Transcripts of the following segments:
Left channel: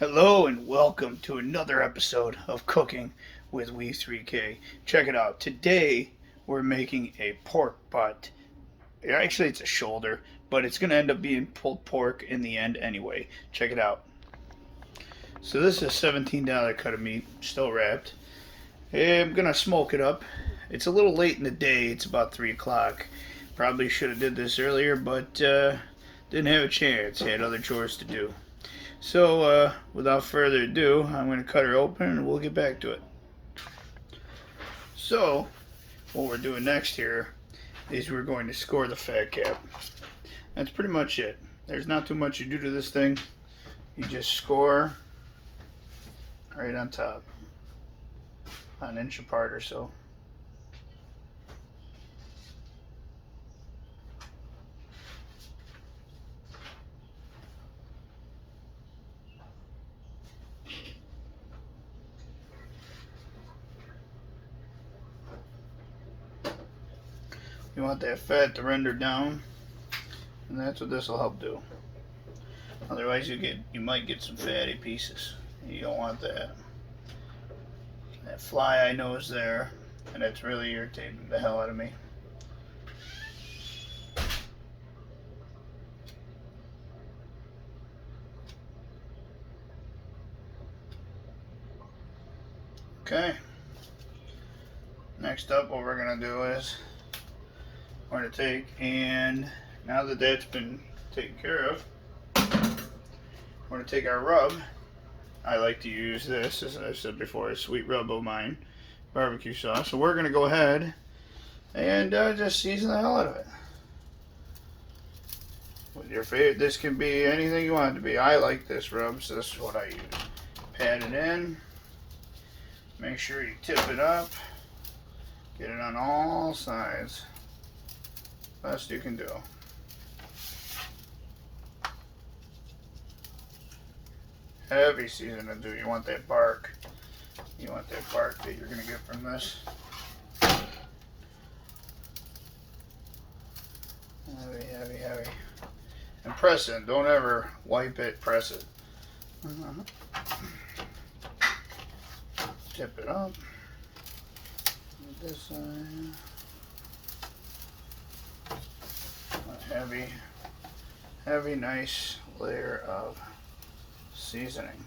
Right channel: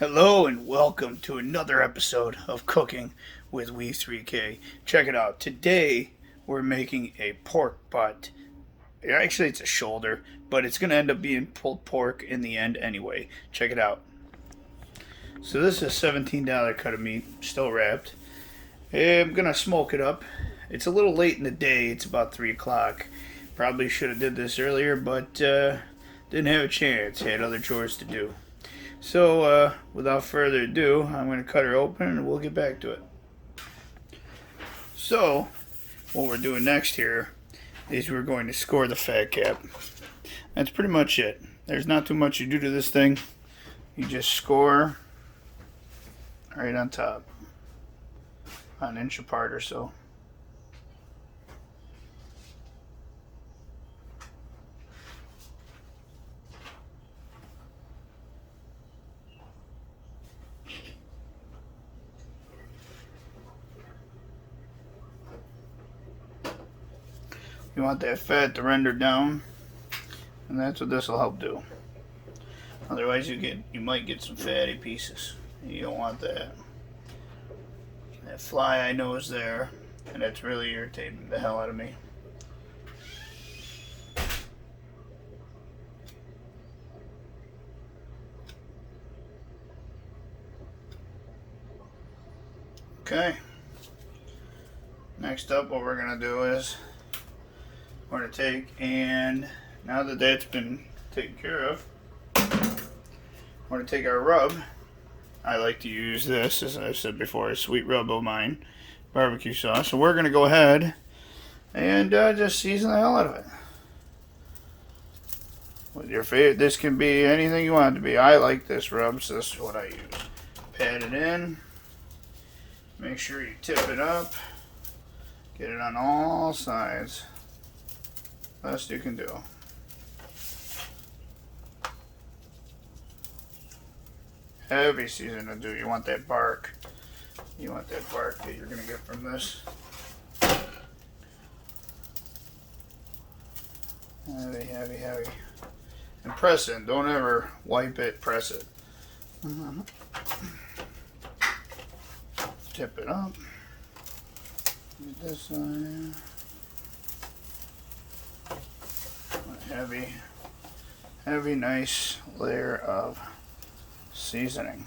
Hello and welcome to another episode of Cooking with We3K. Check it out. Today we're making a pork butt. Actually, it's a shoulder, but it's going to end up being pulled pork in the end anyway. Check it out. So this is a $17 cut of meat, still wrapped. I'm going to smoke it up. It's a little late in the day. It's about 3 o'clock. Probably should have did this earlier, but didn't have a chance. Had other chores to do. So, without further ado, I'm going to cut her open and we'll get back to it. So, what we're doing next here is we're going to score the fat cap. That's pretty much it. There's not too much you do to this thing. You just score right on top, about an inch apart or so. You want that fat to render down, and that's what this will help do. Otherwise, you might get some fatty pieces. You don't want that. That fly I know is there, and that's really irritating the hell out of me. Okay. Next up, what we're gonna do is we're going to take, and now that that's been taken care of, we're going to take our rub. I like to use this, as I said before, a sweet rub of mine, barbecue sauce. So we're going to go ahead and just season the hell out of it. With your favorite, this can be anything you want it to be. I like this rub, so this is what I use. Pat it in. Make sure you tip it up. Get it on all sides. Best you can do. Heavy season to do. You want that bark. You want that bark that you're going to get from this. Heavy, heavy, heavy. And press it. Don't ever wipe it. Press it. Tip it up. Get this side. Heavy, nice layer of seasoning.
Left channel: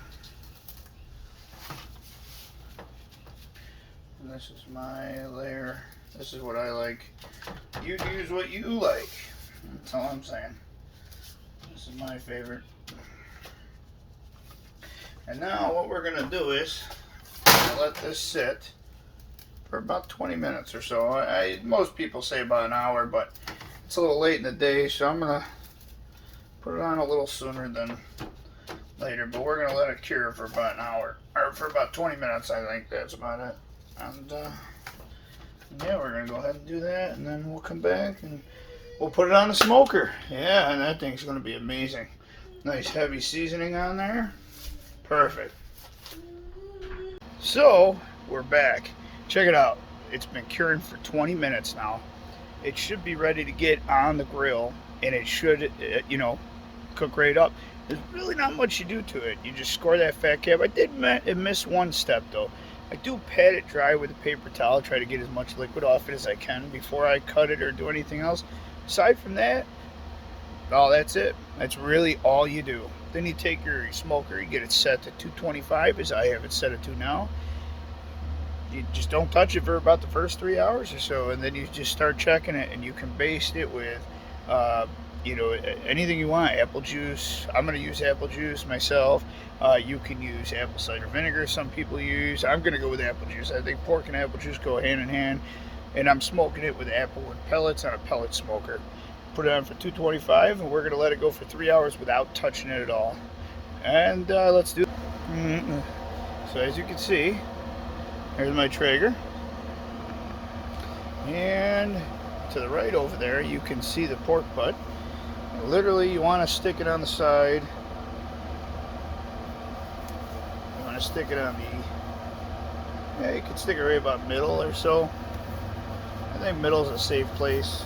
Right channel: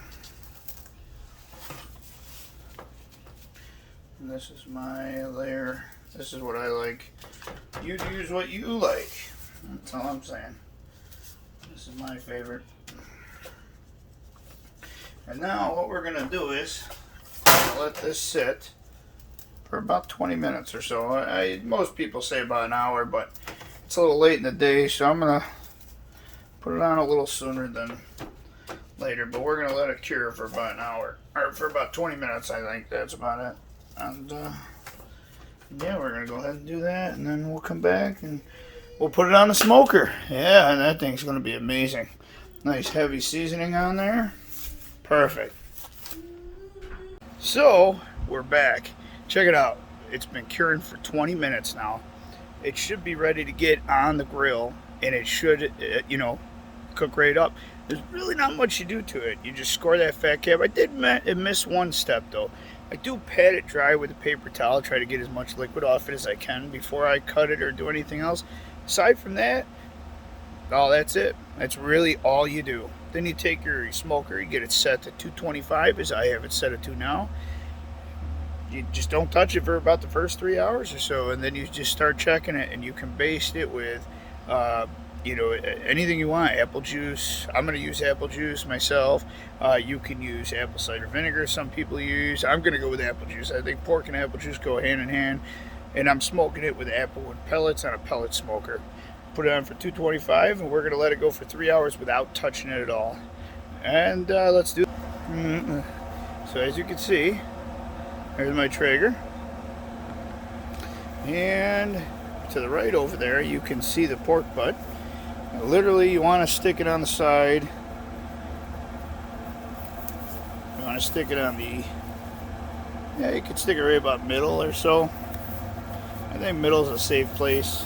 And this is my layer. This is what I like. You use what you like. That's all I'm saying. This is my favorite. And now what we're going to do is let this sit for about 20 minutes or so. Most people say about an hour, but it's a little late in the day, so I'm going to put it on a little sooner than later. But we're going to let it cure for about an hour, or for about 20 minutes, I think. That's about it. And, yeah, we're going to go ahead and do that, and then we'll come back and we'll put it on the smoker. Yeah, and that thing's going to be amazing. Nice heavy seasoning on there. Perfect. So, we're back. Check it out. It's been curing for 20 minutes now. It should be ready to get on the grill, and it should, cook right up. There's really not much you do to it. You just score that fat cap. I did miss one step, though. I do pat it dry with a paper towel, try to get as much liquid off it as I can before I cut it or do anything else. Aside from that, that's it. That's really all you do. Then you take your smoker, you get it set to 225, as I have it set to now. You just don't touch it for about the first 3 hours or so, and then you just start checking it, and you can baste it with, anything you want. Apple juice. I'm going to use apple juice myself. You can use apple cider vinegar. Some people use. I'm going to go with apple juice. I think pork and apple juice go hand in hand, and I'm smoking it with apple wood pellets on a pellet smoker. Put it on for 225, and we're going to let it go for 3 hours without touching it at all. And let's do it. So as you can see, there's my Traeger, and to the right over there you can see the pork butt. Literally, you want to stick it on the side. You want to stick it on you can stick it right about middle or so. I think middle is a safe place.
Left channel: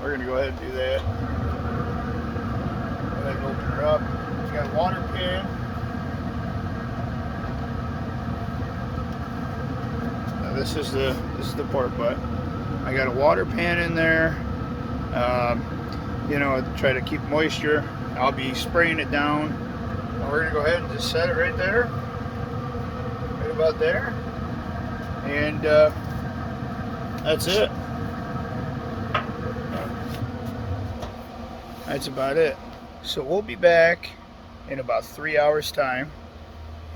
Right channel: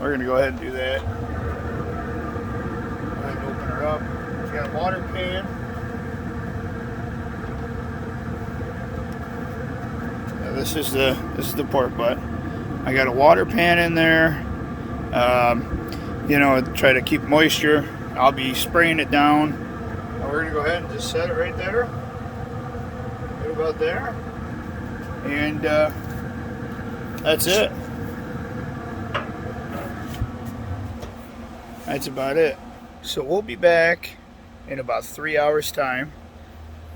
We're going to go ahead and do that. Go ahead and open her up. We've got a water pan. this is the pork butt. I got a water pan in there. You know, try to keep moisture. I'll be spraying it down. And we're gonna go ahead and just set it right there, right about there, and that's it. That's about it. So we'll be back in about 3 hours time,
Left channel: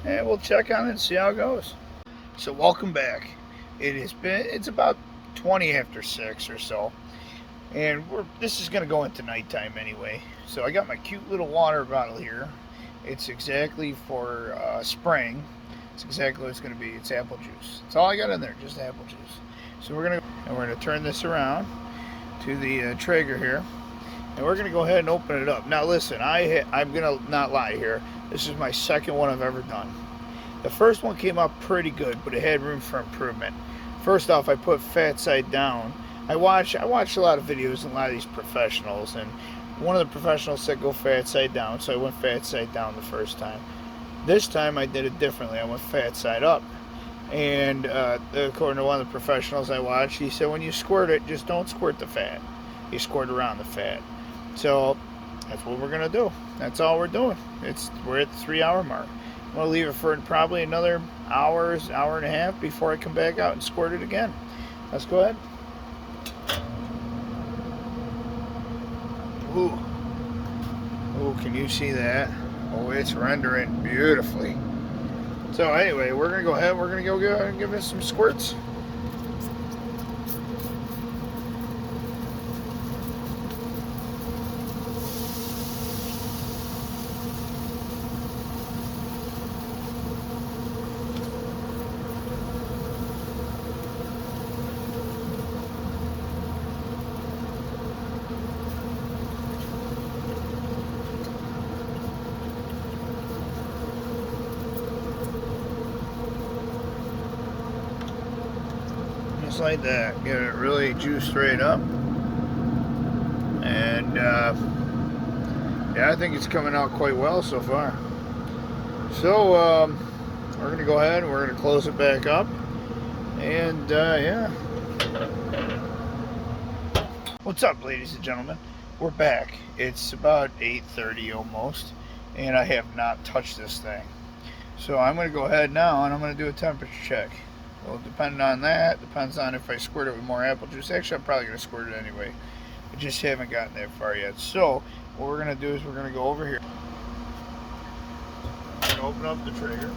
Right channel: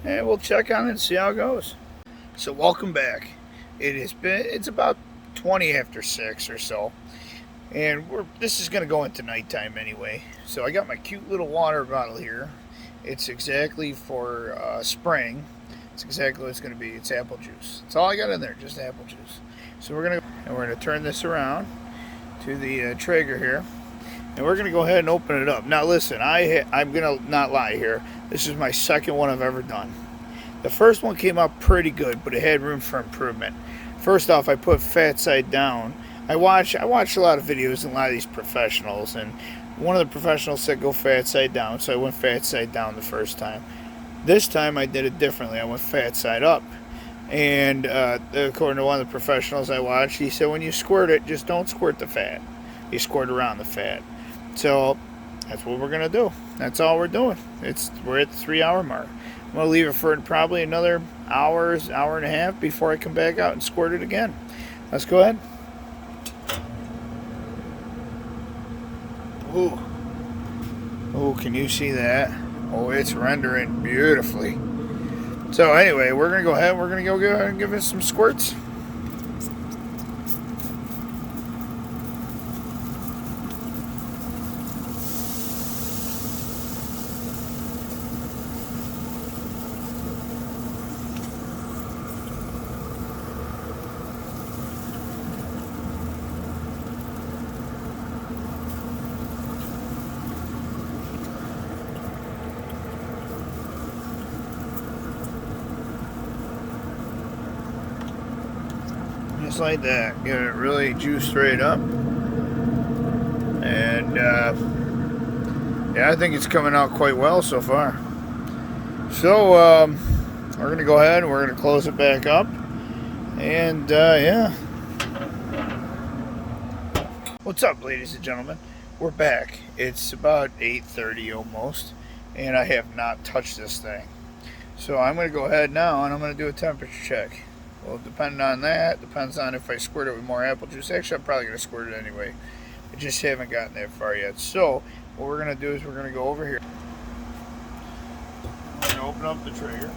and we'll check on it and see how it goes. So welcome back. It's about 20 after 6 or so, and this is gonna go into nighttime anyway. So I got my cute little water bottle here. It's exactly for spraying. It's exactly what it's gonna be. It's apple juice. That's all I got in there, just apple juice. So we're gonna turn this around to the Traeger here, and we're gonna go ahead and open it up. Now listen, I'm gonna not lie here. This is my second one I've ever done. The first one came out pretty good, but it had room for improvement. First off, I put fat side down. I watched a lot of videos and a lot of these professionals, and one of the professionals said go fat side down, so I went fat side down the first time. This time I did it differently. I went fat side up. And according to one of the professionals I watched, he said when you squirt it, just don't squirt the fat. You squirt around the fat. So that's what we're going to do. That's all we're doing. We're at the 3 hour mark. I'm going to leave it for probably another hour and a half before I come back out and squirt it again. Let's go ahead. Ooh. Ooh, can you see that? Oh, it's rendering beautifully. So anyway, we're going to go ahead. We're going to go give it some squirts. Just like that. Get it really juiced right up. And yeah, I think it's coming out quite well so far. So we're going to go ahead and we're going to close it back up. And yeah. What's up, ladies and gentlemen? We're back. It's about 8:30 almost, and I have not touched this thing. So I'm going to go ahead now and I'm going to do a temperature check. Well, depending on that, depends on if I squirt it with more apple juice. Actually, I'm probably going to squirt it anyway. I just haven't gotten that far yet. So what we're going to do is we're going to go over here. I'm going to open up the Traeger.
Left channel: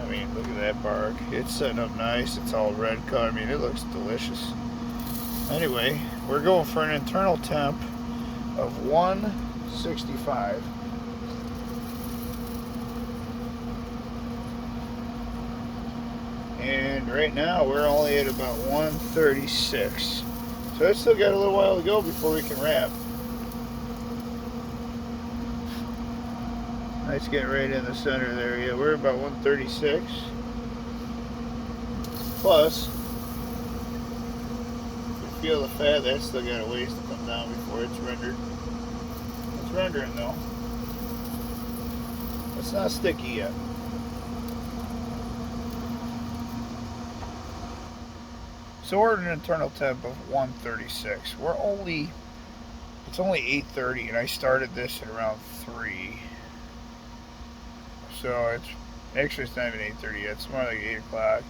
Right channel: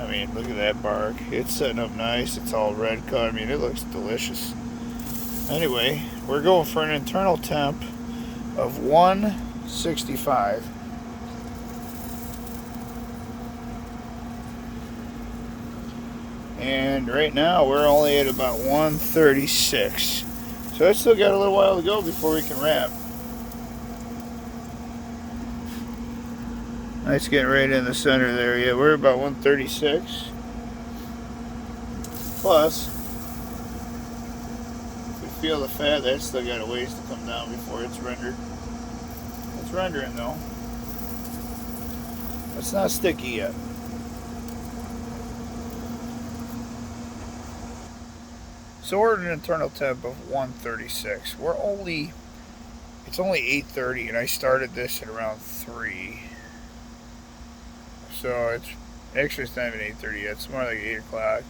I mean, look at that bark. It's setting up nice. It's all red cut. I mean, it looks delicious. Anyway, we're going for an internal temp of 165. And right now we're only at about 136. So I still got a little while to go before we can wrap. Nice getting right in the center there. Yeah, we're about 136. Plus, if we feel the fat, that's still got a ways to come down before it's rendered. It's rendering though. It's not sticky yet. So we're at an internal temp of 136. It's only 8:30 and I started this at around 3. So it's not even 8:30 yet, it's more like 8 o'clock.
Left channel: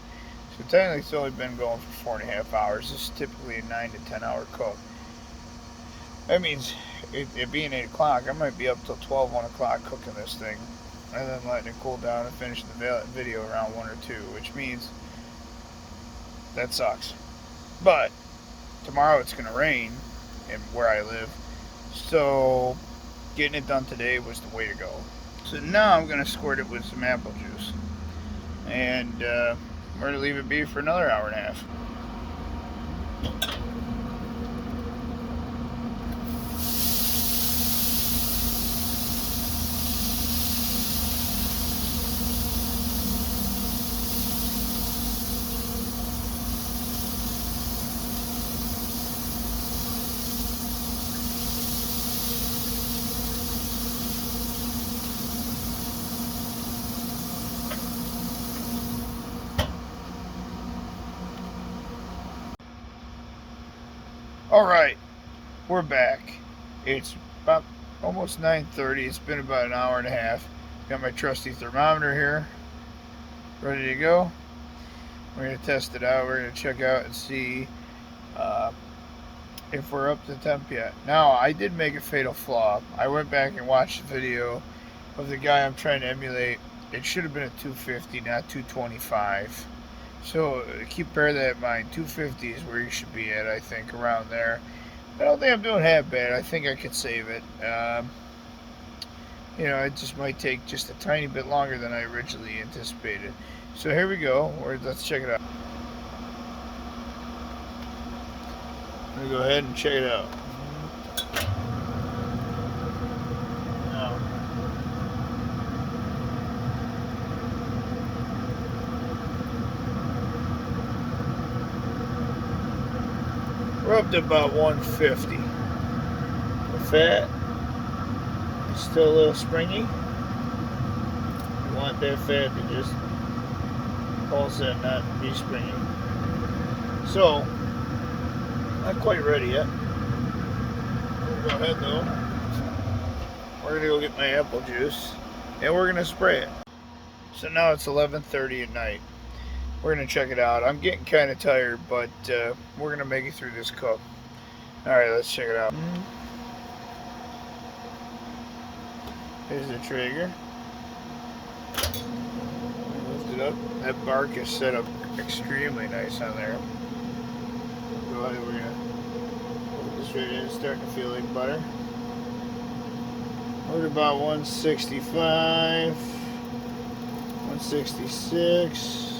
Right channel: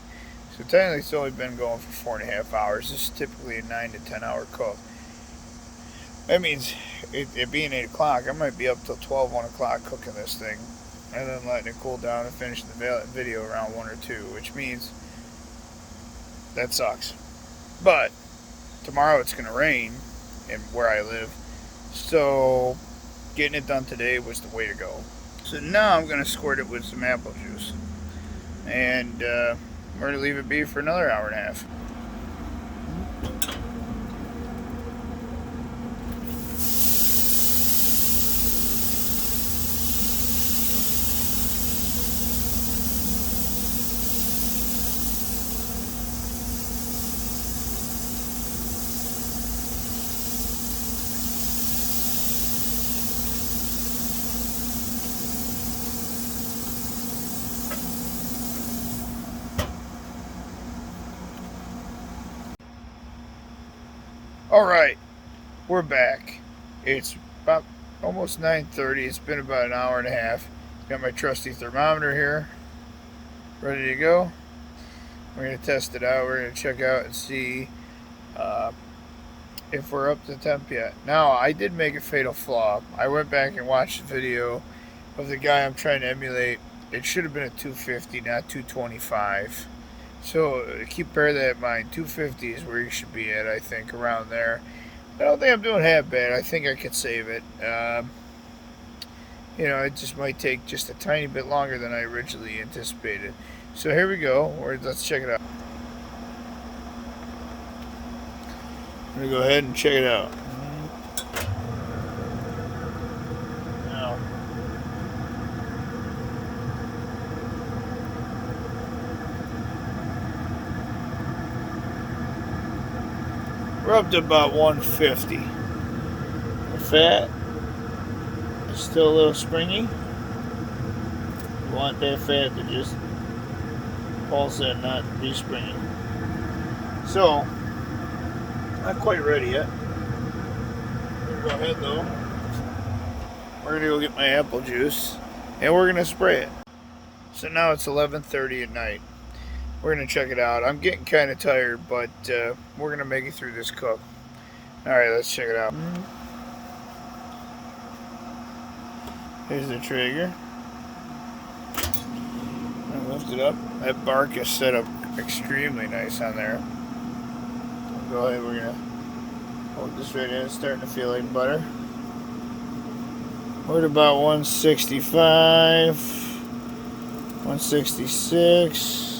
So technically it's only been going for 4.5 hours. This is typically a 9 to 10 hour cook. That means it being 8 o'clock, I might be up till 12, 1 o'clock cooking this thing. And then letting it cool down and finishing the video around 1 or 2, which means that sucks. But tomorrow it's going to rain in where I live, so getting it done today was the way to go. So now I'm going to squirt it with some apple juice, and we're going to leave it be for another hour and a half. All right, we're back. It's about almost 9:30. It's been about an hour and a half. Got my trusty thermometer here, ready to go. We're gonna test it out. We're gonna check out and see uh, if we're up to temp yet. Now, I did make a fatal flaw. I went back and watched the video of the guy I'm trying to emulate. It should have been a 250, not 225. So keep bear that in mind. 250 is where you should be at, I think, around there. I don't think I'm doing half bad. I think I could save it. It just might take just a tiny bit longer than I originally anticipated. So here we go. Let's check it out. I'm going to go ahead and check it out. We're up to about 150. The fat is still a little springy. You want that fat to just pulse and not be springy. So, not quite ready yet. We're gonna go ahead though. We're gonna go get my apple juice and we're gonna spray it. So now it's 11:30 at night. We're going to check it out. I'm getting kind of tired, but we're going to make it through this cup. Alright, let's check it out. Here's the trigger. Lift it up. That bark is set up extremely nice on there. Go ahead, we're going to hold this right in. It's starting to feel like butter. We're at about 165, 166.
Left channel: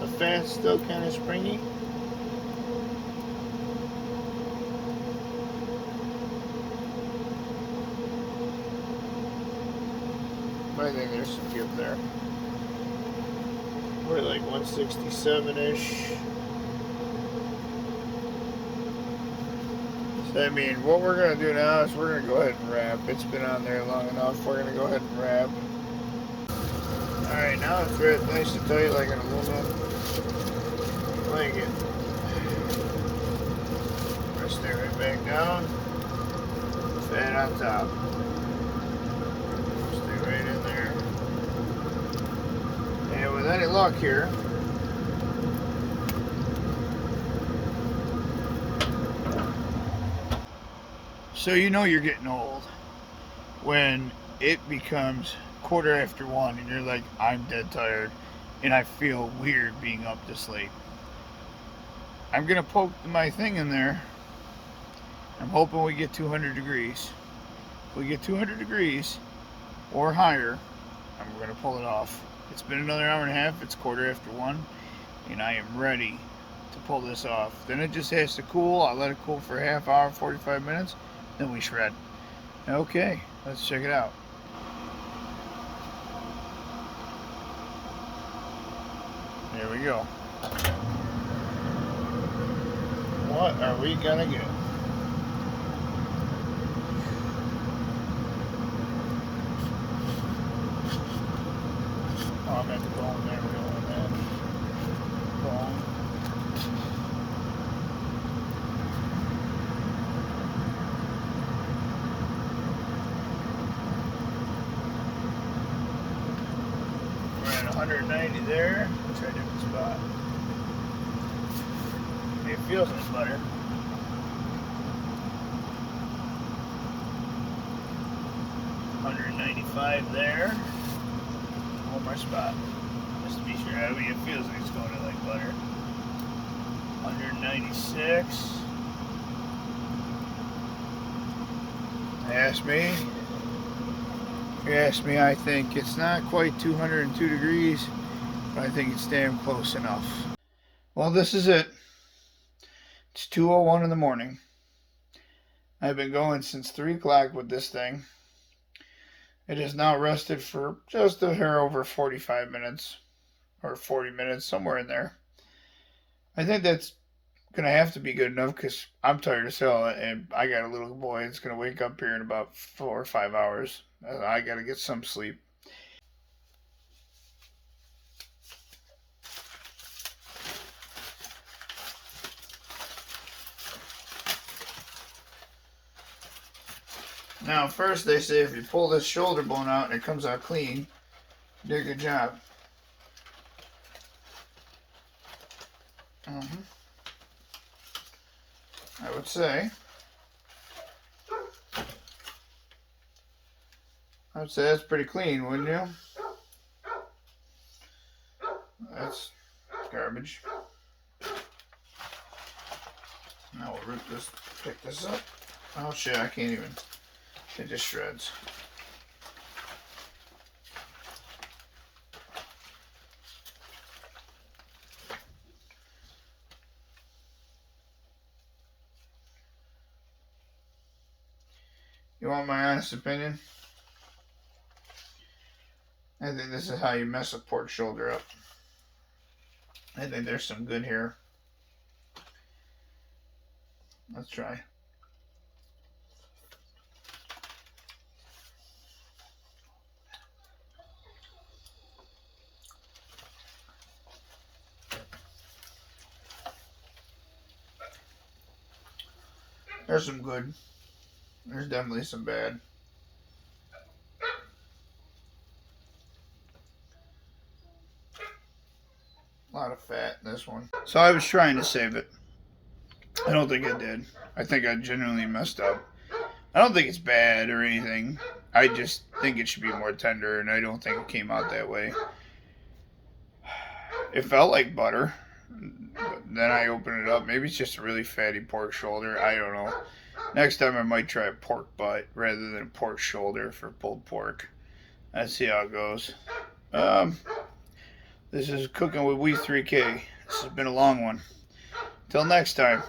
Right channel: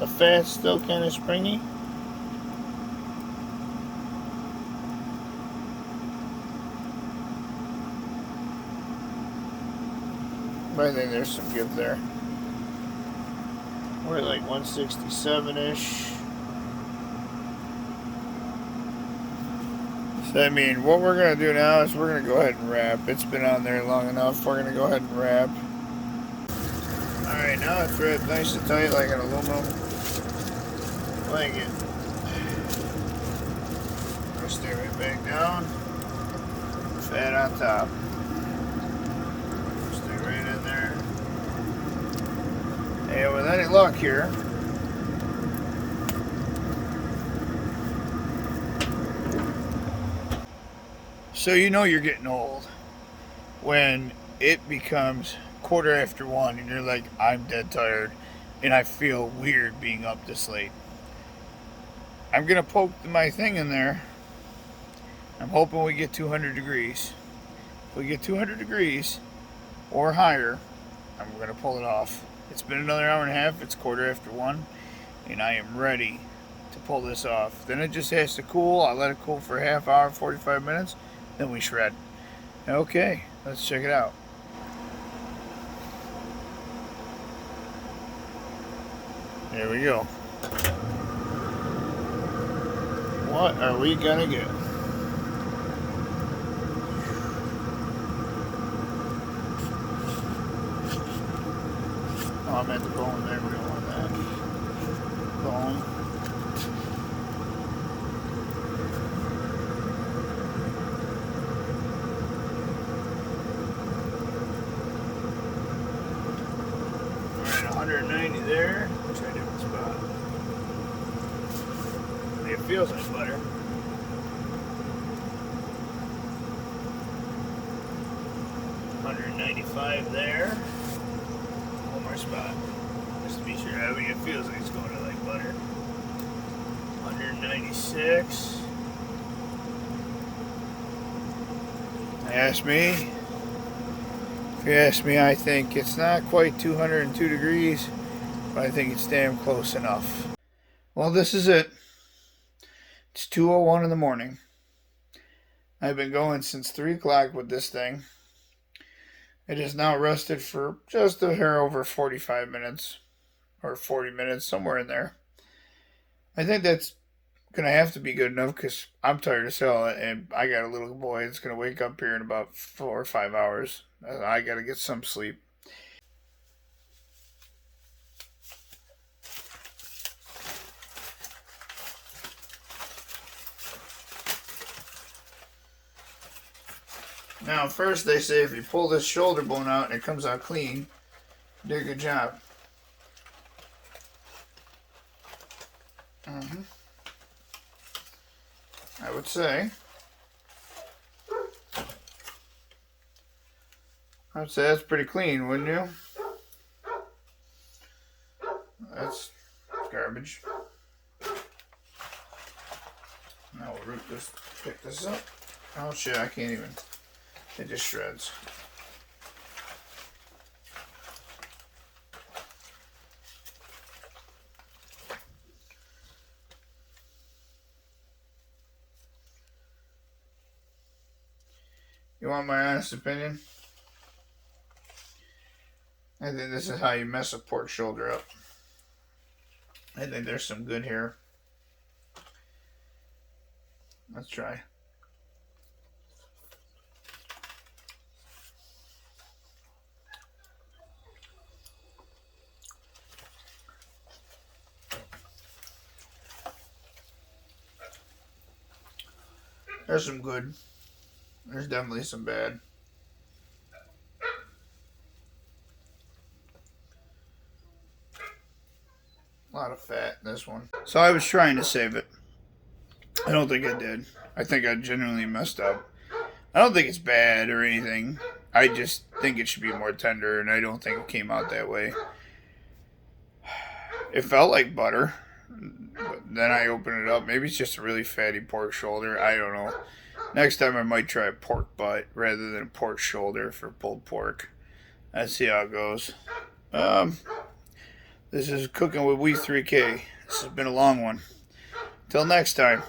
The fat's still kind of springy. But I think there's some give there. We're like 167-ish. So I mean, what we're going to do now is we're going to go ahead and wrap. It's been on there long enough. We're going to go ahead and wrap. Alright, now it's wrapped nice and tight like an aluminum blanket. Press that right back down. Fat on top. Stay right in there. And with any luck here, so you know you're getting old when it becomes 1:15 and you're like, I'm dead tired and I feel weird being up this late. I'm gonna poke my thing in there. I'm hoping we get 200 degrees. If we get 200 degrees or higher, I'm gonna pull it off. It's been another hour and a half. It's 1:15 and I am ready to pull this off. Then it just has to cool. I'll let it cool for a half hour, 45 minutes, then we shred. Okay, let's check it out. There we go. What are we gonna get? Oh, I'm at the bone there. We don't want that. Bone. We're at 190 there. Let's try a different spot. It feels like butter. There. One more spot. Just to be sure. I mean, it feels like it's going to like butter. 196. If you ask me, I think it's not quite 202 degrees, but I think it's damn close enough. Well, this is it. It's 2:01 in the morning. I've been going since 3 o'clock with this thing. It is now rested for just a hair over 45 minutes or 40 minutes, somewhere in there. I think that's going to have to be good enough because I'm tired as hell and I got a little boy that's going to wake up here in about 4 or 5 hours. I got to get some sleep. Now, first they say if you pull this shoulder bone out and it comes out clean, you did a good job. I would say. That's pretty clean, wouldn't you? That's garbage. Now we'll pick this up. Oh shit, I can't even. It just shreds. You want my honest opinion? I think this is how you mess a pork shoulder up. I think there's some good here. Let's try. There's some good. There's definitely some bad. A lot of fat in this one. So I was trying to save it. I don't think I did. I think I genuinely messed up. I don't think it's bad or anything. I just think it should be more tender, and I don't think it came out that way. It felt like butter. But then I opened it up. Maybe it's just a really fatty pork shoulder. I don't know. Next time I might try a pork butt rather than a pork shoulder for pulled pork. Let's see how it goes. This is Cooking with We 3K. This has been a long one. Till next time.